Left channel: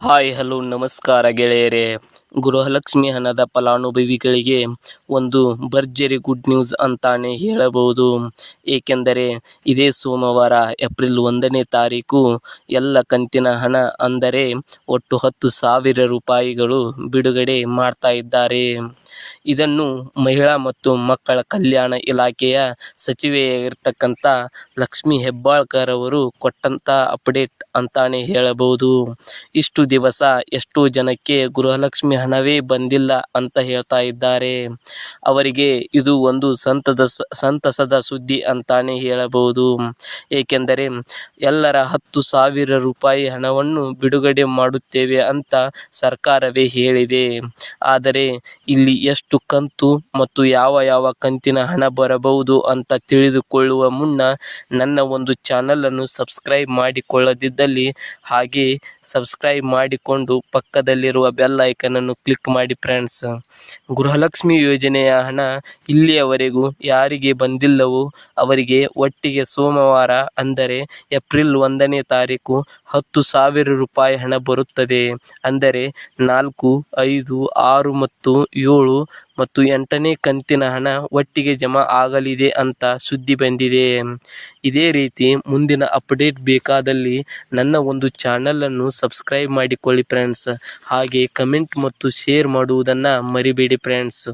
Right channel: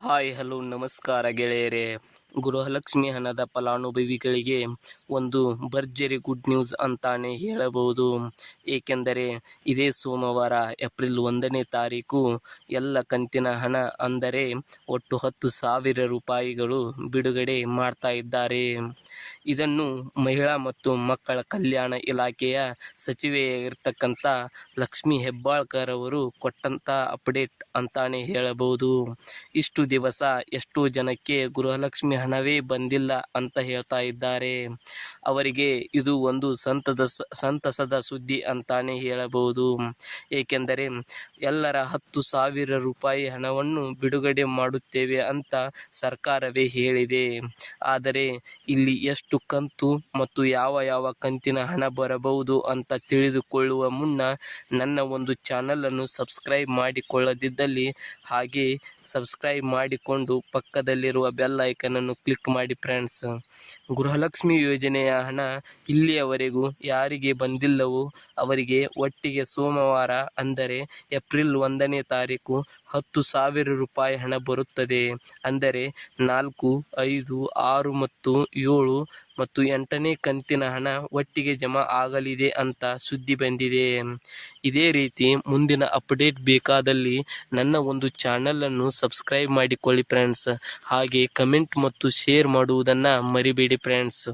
Hi, hello, ನಮಸ್ಕಾರ ಗೆಳೆಯರೇ. ಗೃಹಲಕ್ಷ್ಮಿ ಹಣದ ಫಲಾನುಭವಿಗಳಿಗೆ ಒಂದು ಭರ್ಜರಿ ಗುಡ್ ನ್ಯೂಸ್ ಅಂತಾನೆ ಹೇಳಬಹುದು. ಏಕೆಂದರೆ ಇದೇ ಸೋಮವಾರ, ಏಪ್ರಿಲ್ ಒಂದನೇ ತಾರೀಕು, ಎಲ್ಲ ಕಂತಿನ ಹಣ ಅಂದರೆ ಒಟ್ಟು ಹತ್ತು ಸಾವಿರ ರೂಪಾಯಿಗಳು ಬಿಡುಗಡೆ ಮಾಡ್ತಾ ಇದ್ದಾರೆ. ಇದನ್ನು ಮಹಿಳಾ ಮತ್ತು ಮಕ್ಕಳ ಕಲ್ಯಾಣ ಇಲಾಖೆಯ ಸಚಿವೆಯಾಗಿರ್ತಕ್ಕಂಥ ಲಕ್ಷ್ಮಿ ಹೆಬ್ಬಾಳ್ಕರ್ ಅವರು ಕೊಟ್ಟಂಥ ಅಪ್ಡೇಟ್ ಅಂತಾನೆ ಹೇಳಬಹುದು. ಇಷ್ಟು ದಿವಸ ಎಷ್ಟೋ ಜನಕ್ಕೆ ಗೃಹಲಕ್ಷ್ಮಿ ಹಣವೇ ಬಂದಿಲ್ಲ ಅಂತ ಹೇಳ್ತಾ ಇದ್ದಾರೆ. ಅವರಿಗೆ ಇದು ಒಂದು ಸಂತದ ಸಂತಸದ ಸುದ್ದಿ ಅಂತಾನೆ ಹೇಳಬಹುದು. ಏಕೆಂದರೆ ಎಲ್ಲರ ಹತ್ತು ಸಾವಿರ ರೂಪಾಯಿ ಹಣವನ್ನು ಬಿಡುಗಡೆ ಮಾಡುತ್ತೇವೆ ಅಂತ ಸರ್ಕಾರವೇ ಹೇಳಿದೆ. ಆದರೆ ಇಲ್ಲಿ ಎಷ್ಟು ಕಂತು ಮತ್ತು ಯಾವ ಯಾವ ಕಂತಿನ ಹಣ ಬರಬಹುದು ಅಂತ ತಿಳಿದುಕೊಳ್ಳುವ ಮುನ್ನ ನನ್ನ ಒಂದು ಚಾನಲನ್ನು ಸಬ್ಸ್ಕ್ರೈಬ್ ಮಾಡಿಕೊಳ್ಳದಿದ್ದಲ್ಲಿ ಹಾಗೆ ಸಬ್ಸ್ಕ್ರೈಬ್ ಮಾಡಿಕೊಂಡು ಪಕ್ಕದಲ್ಲಿರುವ ಬೆಲ್ ಐಕನನ್ನು ಕ್ಲಿಕ್ ಮಾಡಿ ಫ್ರೆಂಡ್ಸ್ ಗೃಹಲಕ್ಷ್ಮಿ ಯೋಜನೆಯ ಹಣ ಇಲ್ಲಿಯವರೆಗೂ ಯಾರಿಗೆ ಬಂದಿಲ್ಲವೋ ಅವರಿಗೆ ಒಟ್ಟಿಗೆ ಸೋಮವಾರ ಅಂದರೆ ಏಪ್ರಿಲ್ ಒಂದನೇ ತಾರೀಕು ಹತ್ತು ಸಾವಿರ ರೂಪಾಯಿ ಹಣ ಬರುತ್ತದೆ. ಅಂದರೆ ನಾಲ್ಕು, ಐದು, ಆರು ಮತ್ತು ಏಳು ಮತ್ತು ಎಂಟನೇ ಕಂತಿನ ಹಣ ಒಟ್ಟಿಗೆ ಜಮಾ ಆಗಲಿದೆ ಅಂತ ಸುದ್ದಿ ಬಂದಿದೆ. ಇದೇ ರೀತಿ ಮುಂದಿನ ಅಪ್ಡೇಟ್ ಬೇಕಾದಲ್ಲಿ ನನ್ನ ಒಂದು ಚಾನಲನ್ನು ಸಬ್ಸ್ಕ್ರೈಬ್ ಮಾಡಿಕೊಳ್ಳಿ ಫ್ರೆಂಡ್ಸ್ ಹಾಗೆ ಕಮೆಂಟ್ ಮತ್ತು ಶೇರ್ ಮಾಡುವುದನ್ನು ಮರಿಬೇಡಿ ಫ್ರೆಂಡ್ಸ್